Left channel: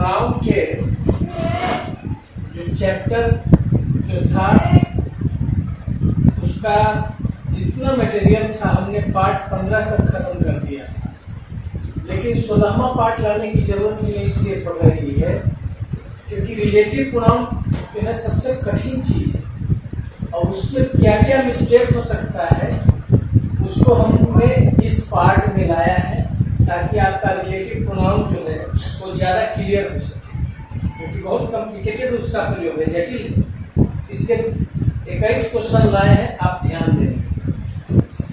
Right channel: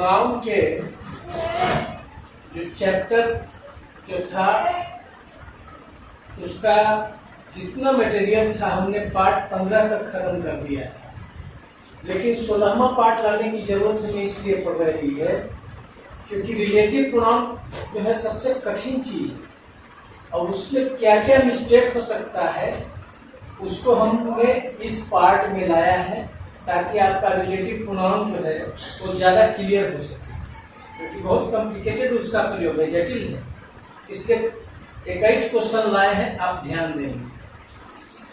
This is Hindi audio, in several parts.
प्रोनाउन के जो चैप्टर जो था उसका जितना मटेरियल था हमने पार्ट 15 तक खत्म कर दिया था, लेकिन 16वां पार्ट लाने की जरूरत हमें इसलिए पड़ रही है क्योंकि रिलेटिव प्रोनाउन जो है सबसे कठिन चीज है और उसमें क्या क्या मिस्टेक हो सकता है उसको हमने इस पार्ट में लाया है ताकि आपका रिलेटिव प्रोनाउन जो है वो ज़्यादा क्लियर हो सके, क्योंकि बहुत कॉम्प्लिकेटेड उसका प्रयोग है, जटिल है। इसलिए 21 क्वेश्चन लाए हैं, आप ध्यान दें।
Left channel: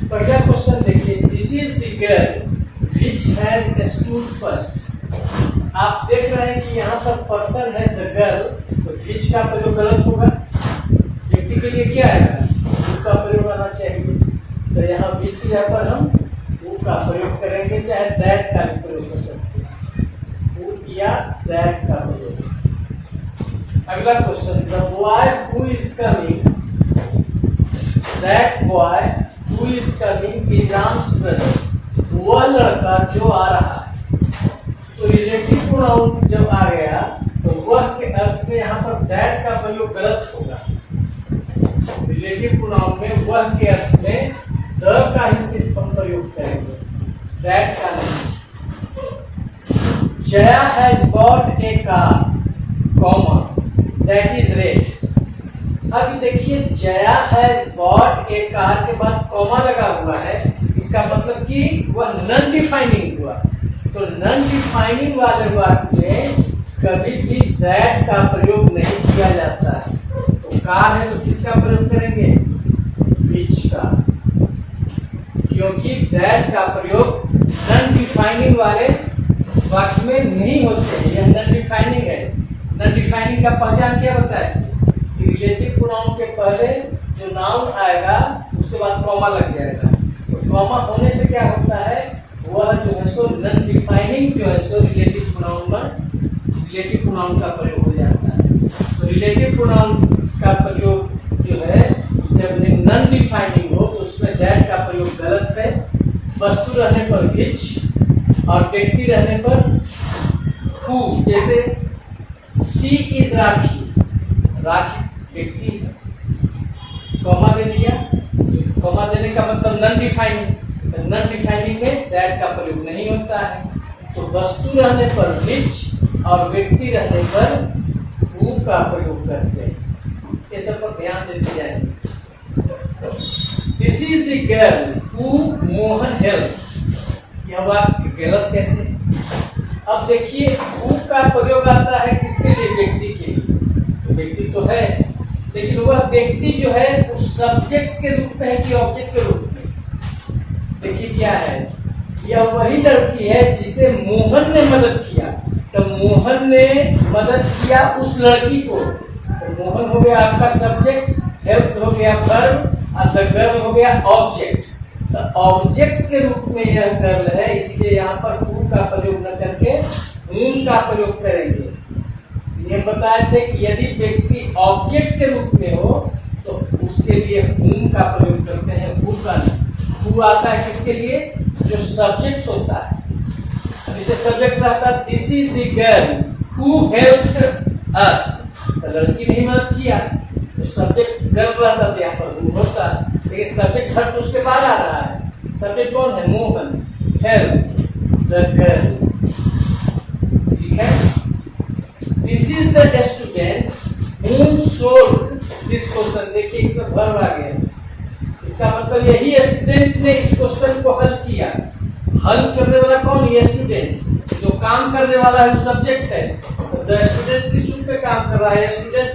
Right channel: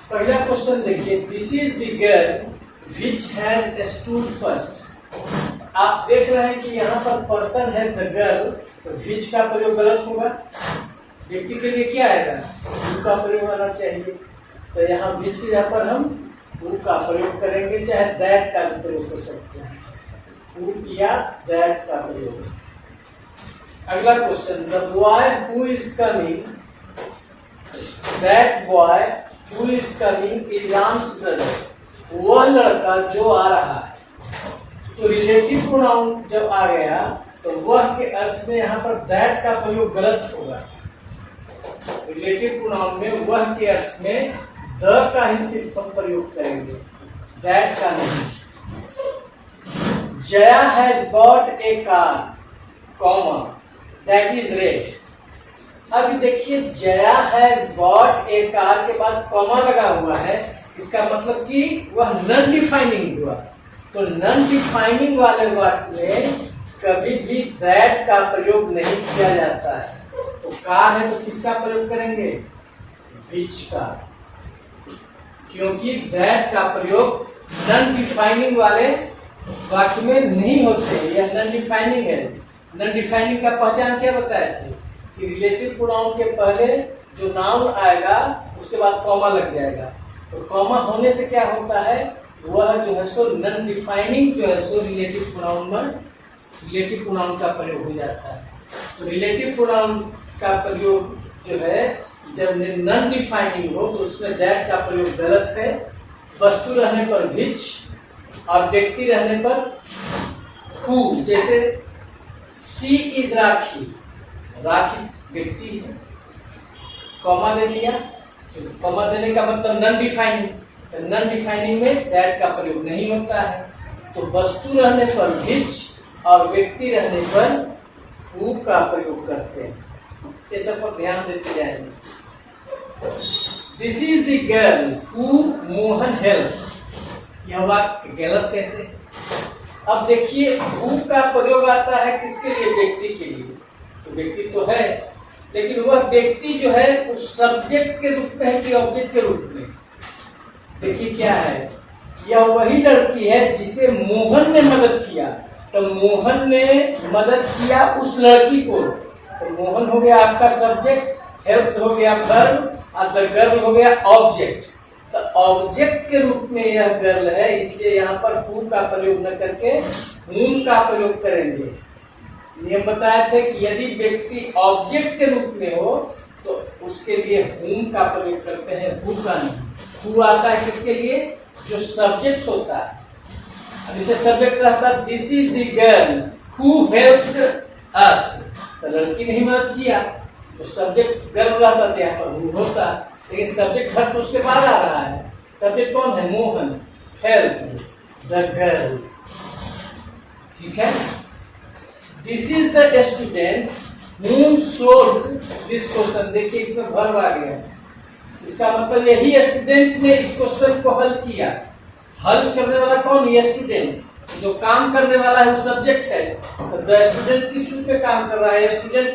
पहला क्वेश्चन देखिए, this is the girl which has stood first. आप देख रहे हैं कि यहाँ पर पर्सन है द गर्ल, तो विच का प्रयोग गलत होगा, व्यक्ति के लिए क्या आएगा, हु का प्रयोग आना चाहिए। तो यहाँ विच की जगह पर हम हु का प्रयोग करेंगे, चाहे दैट का भी प्रयोग कर सकते हैं, हु या दैट का प्रयोग। अगला question, the boy who is coming, that boy who is coming is Ram's brother. वह लड़का जो आ रहा है, तो रिलेटिव प्रोनाउन जब आ गया तो वह के अर्थ में यहाँ पर दैट का प्रयोग गलत होगा। रिलेटिव प्रोनाउन में वह के अर्थ में द का ही सिर्फ हम प्रयोग करेंगे, दैट का नहीं। Jaya has bot A car, comma, that is red. अभी देखिए, Jaya has bot A car के बाद कॉमा लगा हुआ है, इसका मतलब कि वह नॉन डिफाइनिंग हुआ। तो नॉन डिफाइनिंग वाले वाक्य में कभी भी दैट का प्रयोग नहीं किया जाता है। तो कार है तो किसका प्रयोग करेंगे, विच का, क्योंकि दैट का प्रयोग नॉन डिफाइनिंग वाले वाक्य में नहीं होते हैं। यह नॉन डिफाइनिंग है। नॉन डिफाइनिंग का पहचान क्या बताया कि रिलेटिव प्रोनाउन के पहले जो नाउन आएगा उसके बाद कॉमा लग जाएगा। तो कॉमा होने से क्या होता है, वह जो है सो नॉन डिफाइनिंग जो है सो रिलेटिव प्रोनाउन में रिलेटिव प्रोनाउन का प्रयोग हो जाता है। तो रिलेटिव प्रोनाउन का प्रयोग जो है जब नॉन डिफाइनिंग हो तो उसमें दैट का प्रयोग गलत है। वस्तु रहने पर विच और व्यक्ति रहने पर हु, जैसे सी इज राखी, राखी व्यक्ति है, कॉमा दे दिया, कॉमा देने का मतलब नॉन डिफाइनिंग, नॉन डिफाइनिंग में दैट का प्रयोग नहीं होता है। तो वस्तु रहने पर विच और व्यक्ति रहने पर हु का प्रयोग करते हैं। ये सब पर ध्यान देते जाएंगे। This is the girl who Mohan help, यह वाक्य गलत कैसे। अब देखिए, हु का प्रयोग आता है किसके लिए, व्यक्ति के लिए। तो व्यक्ति तो है, लेकिन वह व्यक्ति जो है उस सब्जेक्ट के रूप में है कि ऑब्जेक्ट के रूप में। देखिए क्या है, यह वही लड़की है जिसे मोहन ने मदद किया। तो मोहन ने मदद किया उस लड़की को, तो मोहन हो गया आपका सब्जेक्ट, हेल्प हो गया वर्ब और द गर्ल हो गया ऑब्जेक्ट। तो ऑब्जेक्ट के रूप में यह गर्ल है, इसलिए यहाँ पर हु का प्रयोग न करके हुम का प्रयोग करेंगे। ये बताए थे कि यदि व्यक्ति ऑब्जेक्ट के रूप में हो तो उसके लिए हुम का प्रयोग करते हैं, हु का नहीं। हु आता है किसके लिए, जो सब्जेक्ट होता है। जैसे सब्जेक्ट रहता है this is the girl who helped अस, तो लड़की ने मदद किया, तो सब्जेक्ट गर्ल रहता था, यहाँ पर हु होता। लेकिन सब्जेक्ट हट उसके बाद आ रहा है। सब्जेक्ट कौन है, मोहन, हेल्प द गर्ल, ठीक है। This is the student whom solved this question। देखिए इसमें वर्ब आ गया, इसका मतलब यही स्टूडेंट ने इस क्वेश्चन को हल किया। हल करने वाला कौन, ये स्टूडेंट। जो काम करने वाला है वो सब्जेक्ट है। तो द स्टूडेंट किस रूप में काम कर रहा है, स्टूडेंट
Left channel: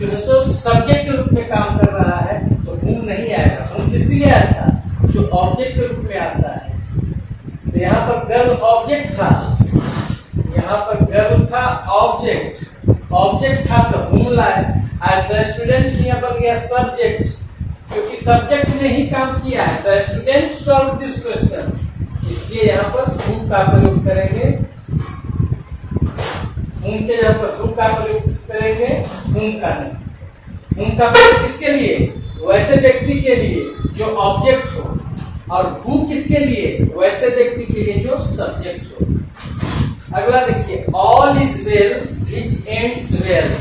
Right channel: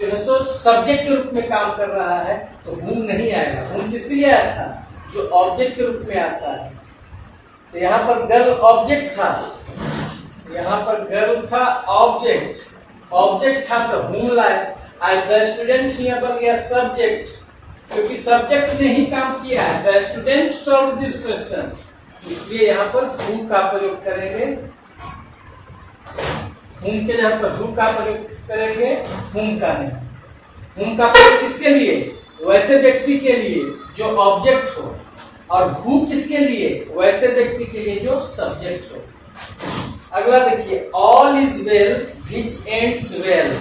जो है सो सब्जेक्ट के रूप में काम कर रहा है, तो हुम नहीं आएगा। हुम किसके लिए आया था, जो ऑब्जेक्ट के रूप में आता है। तो यहाँ पर गर्ल ऑब्जेक्ट था, यहाँ पर गर्ल था ऑब्जेक्ट, ऑब्जेक्ट था तो हुम लाए। आज द स्टूडेंट यहाँ पर गया सब्जेक्ट, क्योंकि सब्जेक्ट ने ही काम किया है। The student solve this question, इसलिए यहाँ पर हु का प्रयोग करेंगे। हुम के जगह पर हु का प्रयोग करेंगे, हुम का नहीं। हुम का प्रयोग किसके लिए, वैसे व्यक्ति के लिए जो ऑब्जेक्ट हो, और हु किसके लिए, वैसे व्यक्ति के लिए जो सब्जेक्ट हो। अगला देखिए, all is well which ends well.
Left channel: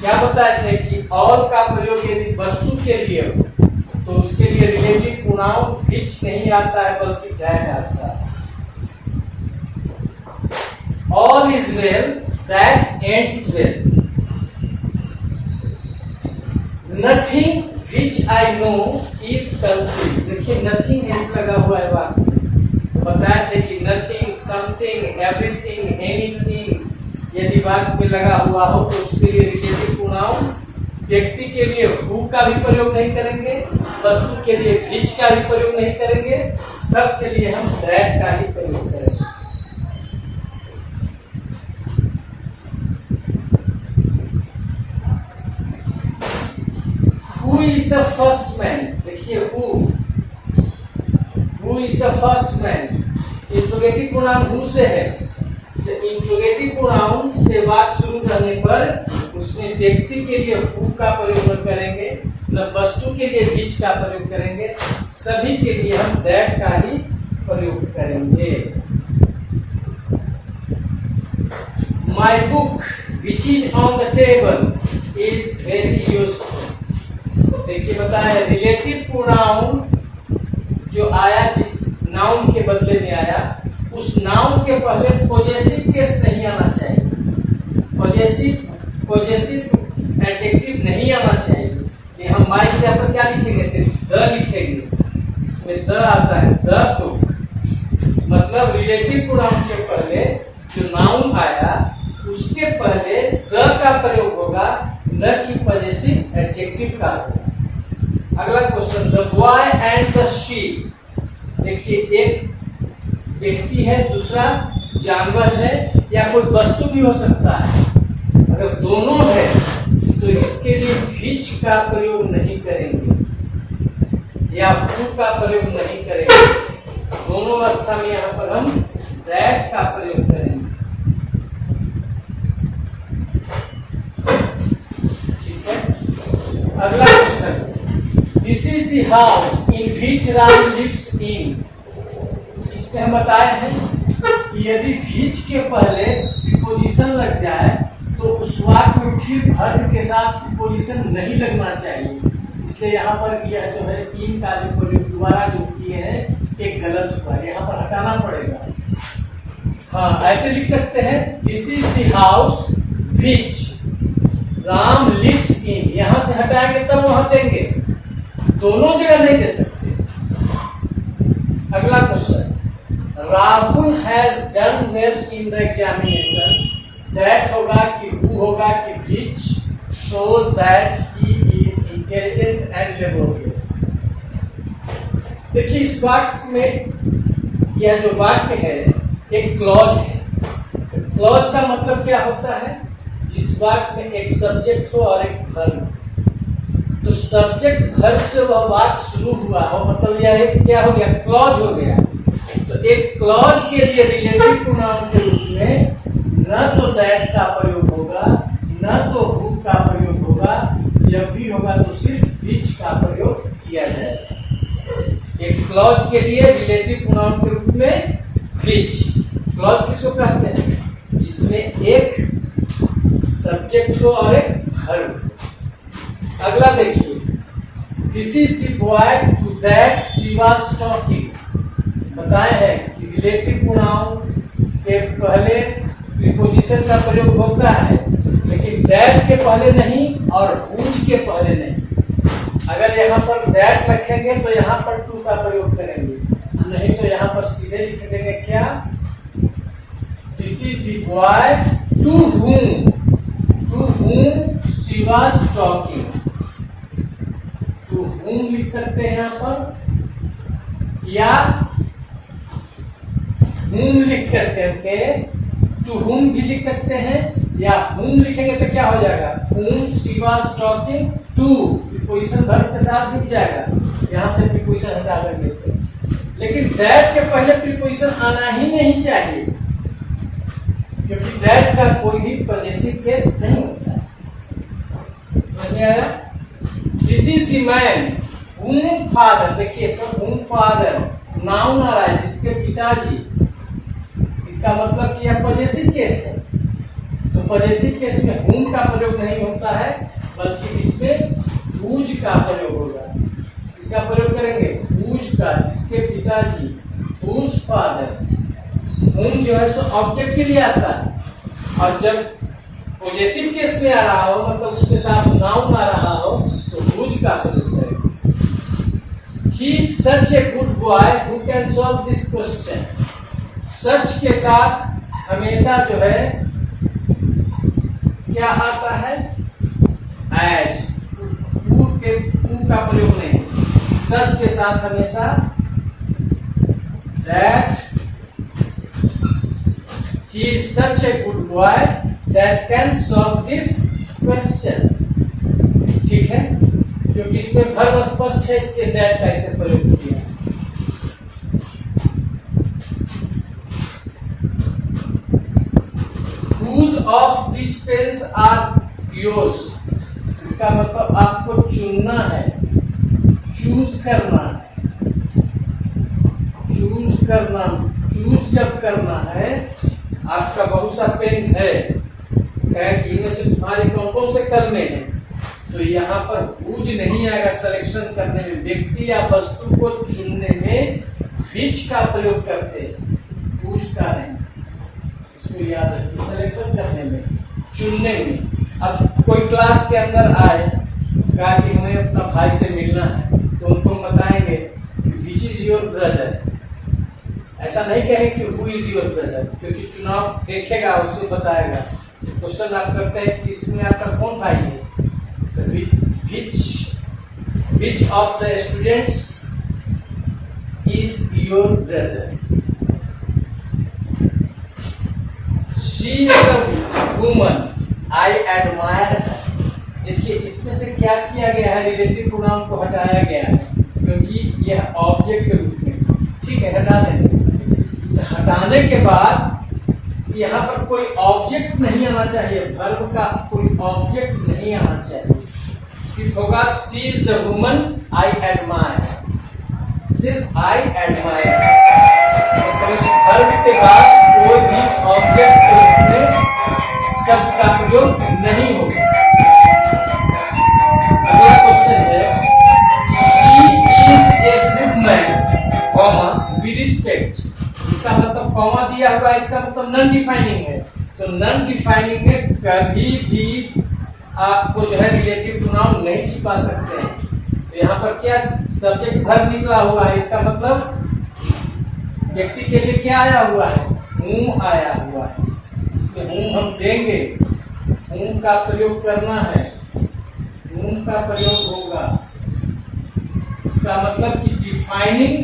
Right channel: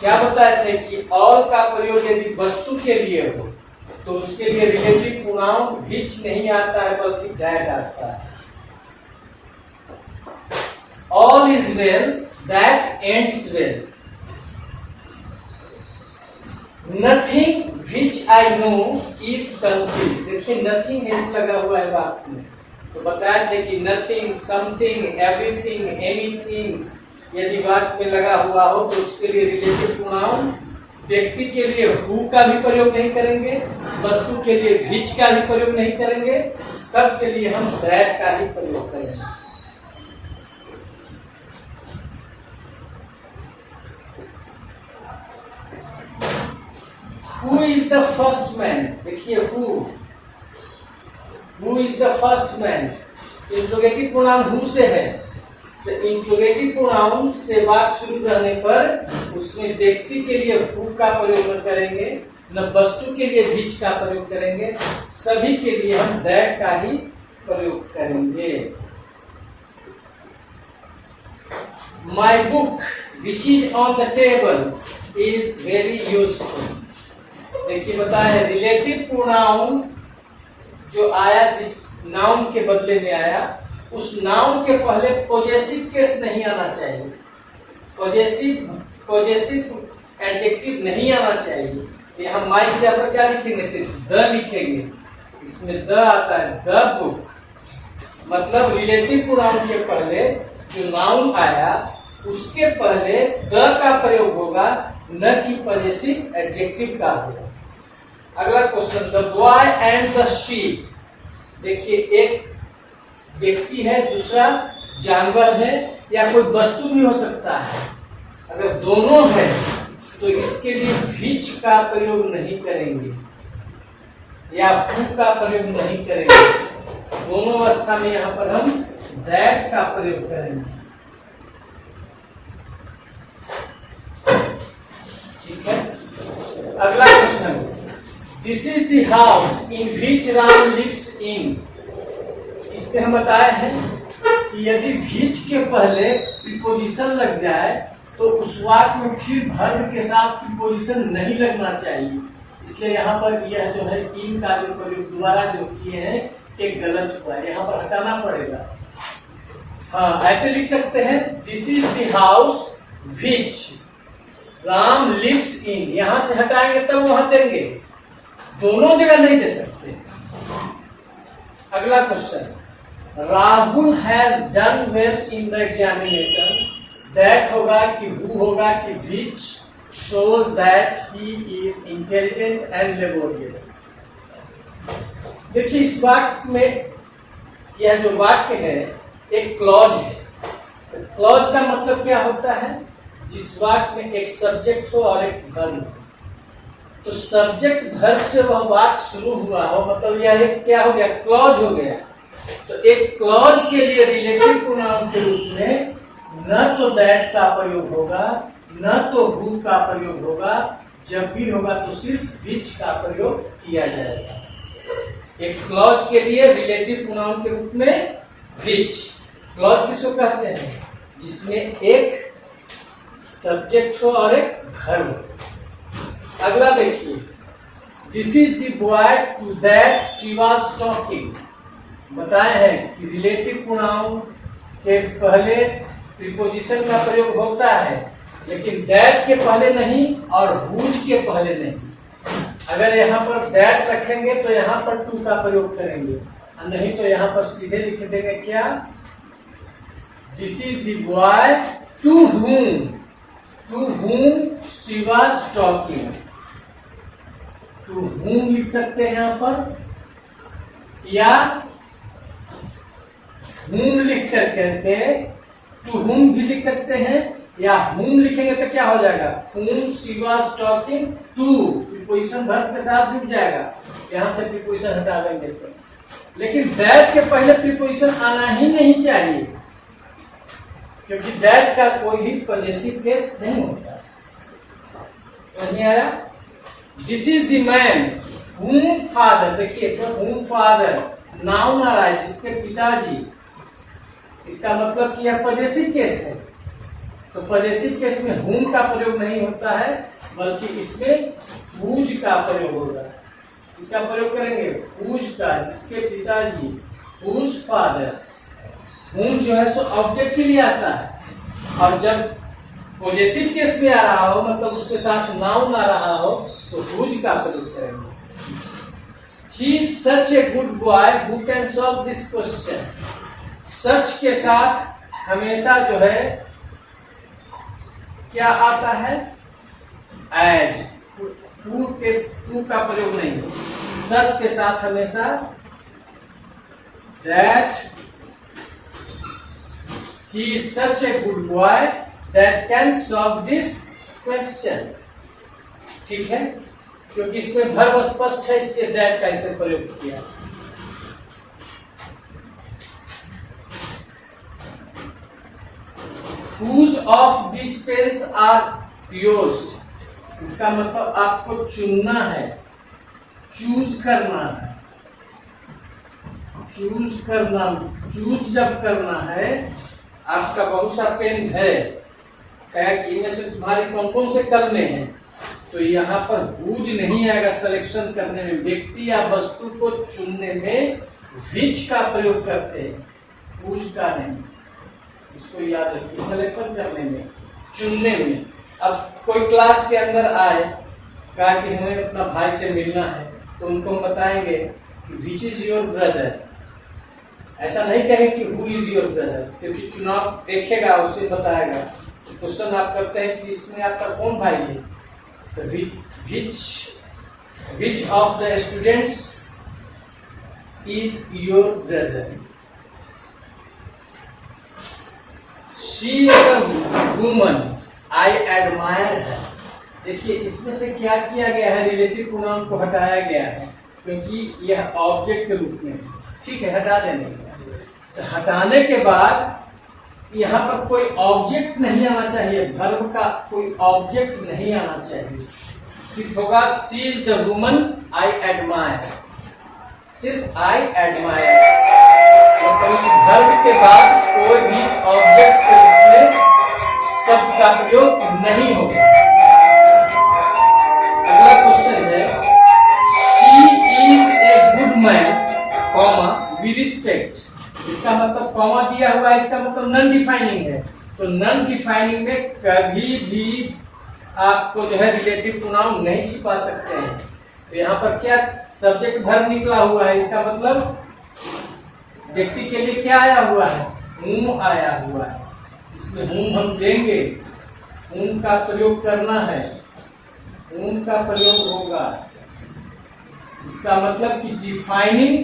क्या बताए थे कि ऑल का प्रयोग यदि वस्तु के लिए हो तो उसके लिए रिलेटिव प्रोनाउन विच नहीं आता है बल्कि दैट आता है। All is well that ends well. Nothing which I know is concealed. देखिए नथिंग एस लगा हुआ है वाक्य में, तो बताए थे कि नथिंग, समथिंग, एवरीथिंग, एनीथिंग यदि वाक्य में लगा हुआ हो तो उसके लिए रिलेटिव प्रोनाउन व्यक्ति के लिए हु का भी प्रयोग नहीं करेंगे, वस्तु के लिए विच का भी प्रयोग नहीं करेंगे, सब के लिए हम दैट का ही प्रयोग करेंगे। Who is the first man? देखिए who is the first man? Interrogative pronoun who से है, तो इंट्रोगेटिव प्रोनाउन से वाक्य शुरू करने पर उसमें व्यक्ति के लिए who का प्रयोग न करेंगे, न वस्तु के लिए which का प्रयोग करेंगे, सभी के लिए हम that का ही प्रयोग करेंगे। My book which is on the table is very useful। देखिए बताया है रिलेटिव प्रोनाउन जो आया जिस नाउन के बदले में आया, उस नाउन के पहले पॉजेसिव केस नहीं आना चाहिए, पॉजेसिव एडजेक्टिव नहीं आना चाहिए। ये हम माई की जगह पर क्या लिखेंगे, सिर्फ द लिखेंगे, इसमें द आता है, द बुक। मतलब रिलेटिव प्रोनाउन के पहले जो नाउन आया उसके पहले द का प्रयोग होगा, न कि पॉजेसिव एडजेक्टिव का होगा। अगला question, the boy and the sheep. देखिए एक व्यक्ति है, दूसरा जानवर है या कोई वस्तु भी हो सकता है। अगर दोनों है तो इसके लिए विच का प्रयोग नहीं करेंगे या हु का प्रयोग नहीं करेंगे, दोनों अवस्था में यहाँ पर हम दैट का प्रयोग करेंगे। ठीक है, अगला question, this is the house in which Ram lives in. इसमें हम बताए हैं कि यदि विच के पहले प्रीपोजिशन लग जाए तो उस वाक्य में फिर वर्ब के साथ प्रीपोजिशन नहीं लगना चाहिए, इसलिए यहाँ पर यह जो है इन का जो प्रयोग दोबारा जो किए हैं एक गलत हुआ है, यहाँ पर हटाना पड़ेगा। हाँ ऐसे लिख सकते हैं, this is the house which Ram lives in. यहां से हटाएंगे तब वहां देंगे, दोनों जगह नहीं दे सकते। अगला question, Rahul has done well in the examination. That होगा कि हु होगा कि which shows that he is intelligent and laborious. देखिए इस वाक्य में यह जो वाक्य है एक क्लॉज है। क्लॉज का मतलब क्या होता है, जिस वाक्य में एक सब्जेक्ट हो और एक वर्ब हो। तो सब्जेक्ट वर्ब से वह वाक्य शुरू हुआ हो, मतलब यह एक क्या हो गया, क्लॉज हो गया। तो एक क्लॉज के लिए रिलेटिव प्रोनाउन के रूप में न तो दैट का प्रयोग होगा, न तो हु का प्रयोग होगा, जब भी होगा तो सिर्फ विच का प्रयोग किया जाएगा। एक क्लॉज के लिए रिलेटिव प्रोनाउन के रूप में विच। क्लॉज किसको कहते हैं, जिसमें एक सब्जेक्ट हो और एक वर्ब हो। अगला देखिए, this is the boy to that she was talking. बताए हैं कि रिलेटिव प्रोनाउन के पहले प्रीपोजिशन का प्रयोग होता है, लेकिन दैट के पहले नहीं और हुज के पहले नहीं। अगर यहाँ पर दैट रखेंगे तो यहाँ पर टू का प्रयोग करेंगे, नहीं तो यहाँ पर सीधे लिख देंगे क्या, this is the boy to whom she was talking। To whom लिख सकते हैं यहाँ पर, या whom लिख करके टू whom भी लिख सकते हैं, या whom लिखेंगे तो क्या हो जाएगा, whom she was talking to, preposition verb के साथ जुड़ जाएगा, यहाँ से प्रीपोजिशन हटा देंगे तो। लेकिन दैट के पहले प्रीपोजिशन आना ही नहीं चाहिए, क्योंकि दैट का कोई भी पॉजेसिव केस नहीं होता। समझ में आया। This is the man whom father, देखिए तो whom फादर नाउन आ रहा है, जिसके पिताजी, इसका मतलब कि यह पॉजेसिव केस है। तो पॉजेसिव केस में whom का प्रयोग नहीं होता है, बल्कि इसमें whose का प्रयोग होगा। इसका प्रयोग करेंगे whose का, जिसके पिताजी, whose फादर। whom जो है सो ऑब्जेक्ट के लिए आता है, और जब पॉजेसिव केस में आ रहा हो, मतलब उसके साथ नाउन आ रहा हो, तो whose का प्रयोग करेंगे। He is such a good boy who can solve this question। सच के साथ हमेशा जो है क्या आता है, एज। who का प्रयोग नहीं, सच के साथ हमेशा that he is such a good boy that can solve this question। ठीक है, क्योंकि इसमें वर्ब स्पष्ट है, इसलिए that का इसने प्रयोग किया। Whose of these pens are yours? इसका मतलब आपको चुनना है, चूज करना है, चूज करना। चूज जब करना है, आपका बहुत सा पेन है, कि इनमें से तुम्हारे कौन कौन से करने हैं, तो यहाँ पर whose नहीं आएगा। सिलेक्शन करने में, व्यक्ति या वस्तु को चुनने में which का प्रयोग करते हैं, whose का नहीं। इसको याद रखिए, सिलेक्शन करने में, चुनने में। अब कोई क्लास के अंदर आए, कहा कि हमें अपना भाई से मिलना है, तो उनको हम बताएंगे विच इज योर ब्रदर। ऐसा नहीं कहेंगे कि हु इज योर ब्रदर, क्योंकि चुनाव देखेगा, उससे बताएगा। क्वेश्चन आप करते हैं कि इसमें आपका कौन भाई है, तो which of the students is your brother. She is the woman I admire है। देखिए इसमें से क्या किया गया है, रिलेटिव प्रोनाउन को हटाया गया है, क्योंकि यह ऑब्जेक्ट के रूप में। ठीक है, हटा देंगे। तो हटाने के बाद यहाँ पर कोई ऑब्जेक्ट नहीं आना चाहिए, वर्ब का कोई ऑब्जेक्ट नहीं आना चाहिए, सिर्फ होगा she is the woman I admire. सिर्फ आई एडमायर, मतलब उस वर्ब के बाद कोई भी ऑब्जेक्ट के रूप में शब्द का प्रयोग नहीं होगा। अगला क्वेश्चन है, she is a good man comma we respect. इसका मतलब कॉमा दिया हुआ है, इसका मतलब नॉन डिफाइनिंग है। तो नॉन डिफाइनिंग में कभी भी आपको जो है रिलेटिव प्रोनाउन नहीं छिपा सकते हैं। तो यहाँ पर क्या सब्जेक्ट वर्ब निकला हुआ है, इसका मतलब व्यक्ति के लिए क्या आया हुआ है, whom आया हुआ है। इसमें whom हम देंगे, whom का प्रयोग करना है, whom का प्रयोग होगा। इसका मतलब कि डिफाइनिंग,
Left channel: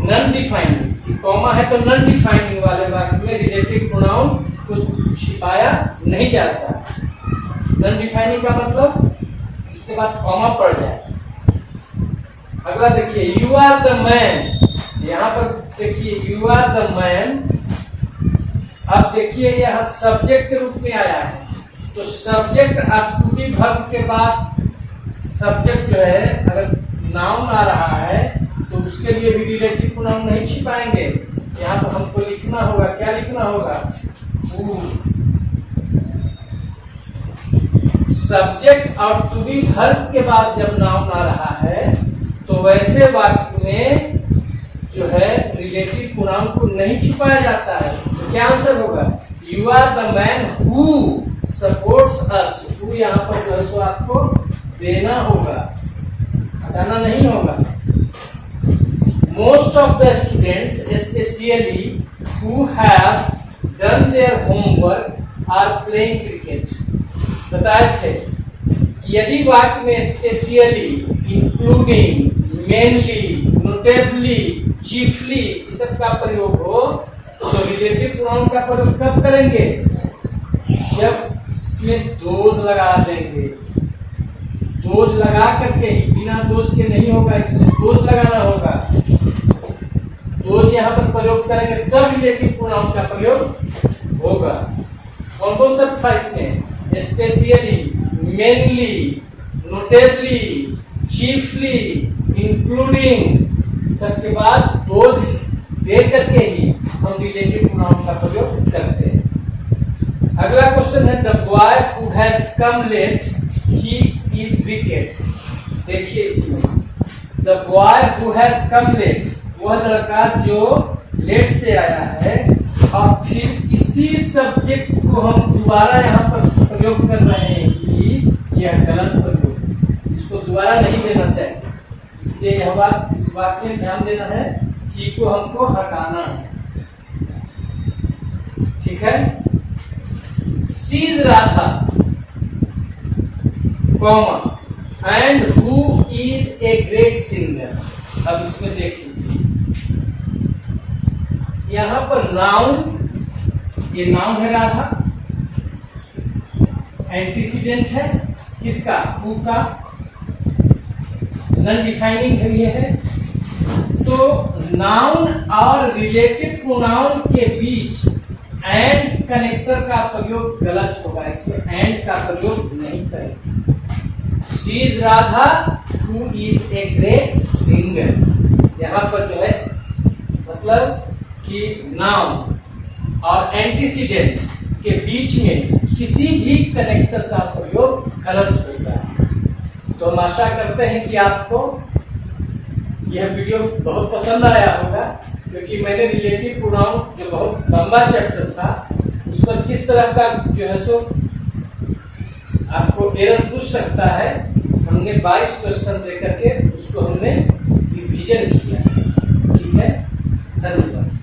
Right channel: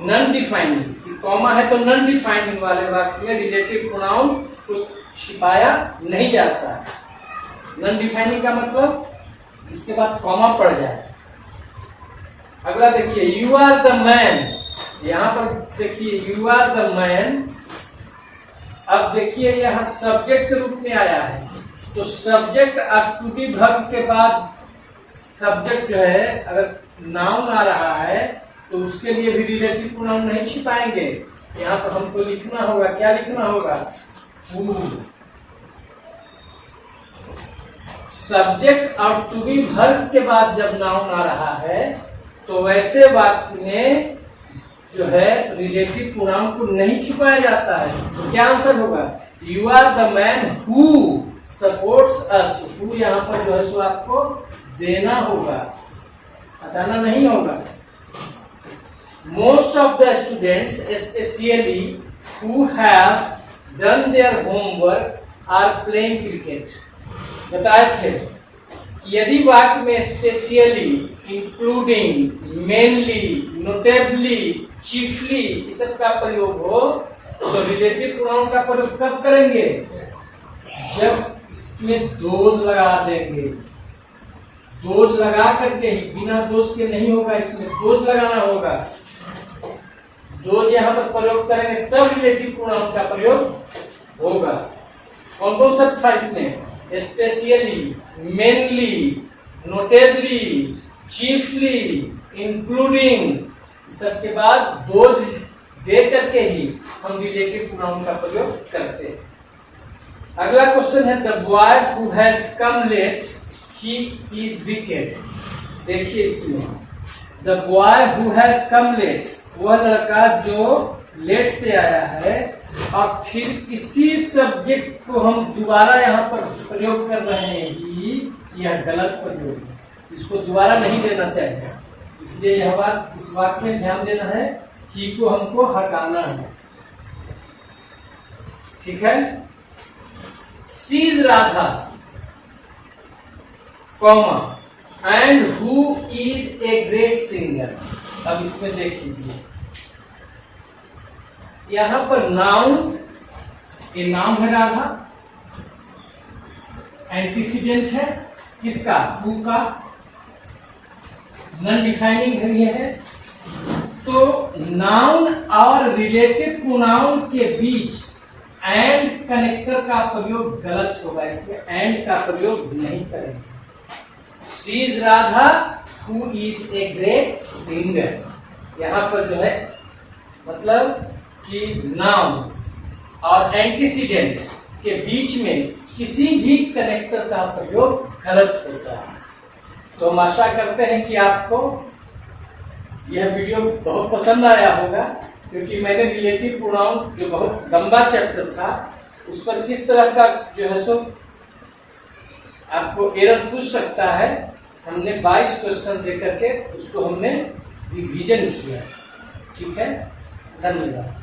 नॉन डिफाइनिंग, कॉमा है तो नॉन डिफाइनिंग वाले वाक्य में रिलेटिव प्रोनाउन को छिपाया नहीं जाता। नॉन डिफाइनिंग का मतलब इसके बाद कॉमा पड़ जाए। अगला देखिए, यू आर द मैन। यहाँ पर देखिए यू आर द मैन। अब देखिए यहाँ सब्जेक्ट के रूप में आया है, तो सब्जेक्ट और टू बी वर्ब के बाद सब्जेक्ट जो है अगर नाउन आ रहा है तो उसके लिए भी रिलेटिव प्रोनाउन नहीं छिपाएंगे। यहाँ पर हमको लिखना होगा, क्या लिखना होगा, हु। सब्जेक्ट और टू बी वर्ब के बाद जब नाउन आ रहा है तो वैसे वाक्य में जो है रिलेटिव प्रोनाउन को नहीं छुपाया जाता है। तो क्या आंसर होगा, you are the man who supports us. Who यहाँ पर जो है सो आपको देना होगा, हटाना नहीं होगा। Most of the students specially who have done their homework are playing cricket. बताए थे कि यदि वाक्य में specially, including, mainly, notably, chiefly इस सब का प्रयोग हो तो रिलेटिव प्रोनाउन का प्रयोग कब करेंगे, जब इसमें दोज लगा देंगे। दोज लगा करके ही, बिना दोज के नहीं होगा, इसमें दोज लगाना होगा। दोज यहाँ पर प्रयोग करेंगे तब रिलेटिव प्रोनाउन का प्रयोग होगा। कौन कौन सा था इसमें, specially, mainly, notably, chiefly, including, सबके बाद दोज दे करके ही हम रिलेटिव प्रोनाउन का प्रयोग करते हैं। अगला क्वेश्चन है the boy who has come late he is wicket. देखिए इसमें the boy who has come late, वह लड़का जो लेट से आया है, और फिर इसी सब्जेक्ट को हम दोबारा यहाँ पर प्रयोग कर रहे हैं कि यह गलत प्रयोग, इसको दोबारा नहीं देना चाहिए। इसलिए यह बात, इस वाक्य में ध्यान देना है, ही को हमको हटाना है। ठीक है। Sees Radha comma and who is a great singer. अब इसमें देख लीजिए, यहां पर नाउन, ये नाम है राधा, एंटीसीडेंट है किसका, हु का, नॉन डिफाइनिंग है ये है। तो नाउन और रिलेटिव प्रोनाउन के बीच एंड कनेक्टर का प्रयोग गलत होगा, इसमें एंड का प्रयोग नहीं करेंगे। She is Radha who is a great singer, यहां पर जो है मतलब कि नाउन और एंटीसीडेंट के बीच में किसी भी कनेक्टर का प्रयोग गलत होता है। तो हम आशा करते हैं कि आपको यह वीडियो बहुत पसंद आया होगा, क्योंकि मैंने रिलेटिव प्रोनाउन जो बहुत लंबा चैप्टर था उस पर किस तरह का जो है सो आपको एरर पूछ सकता है, हमने 22 क्वेश्चन देकर के उसको हमने रिवीजन किया। ठीक है, धन्यवाद।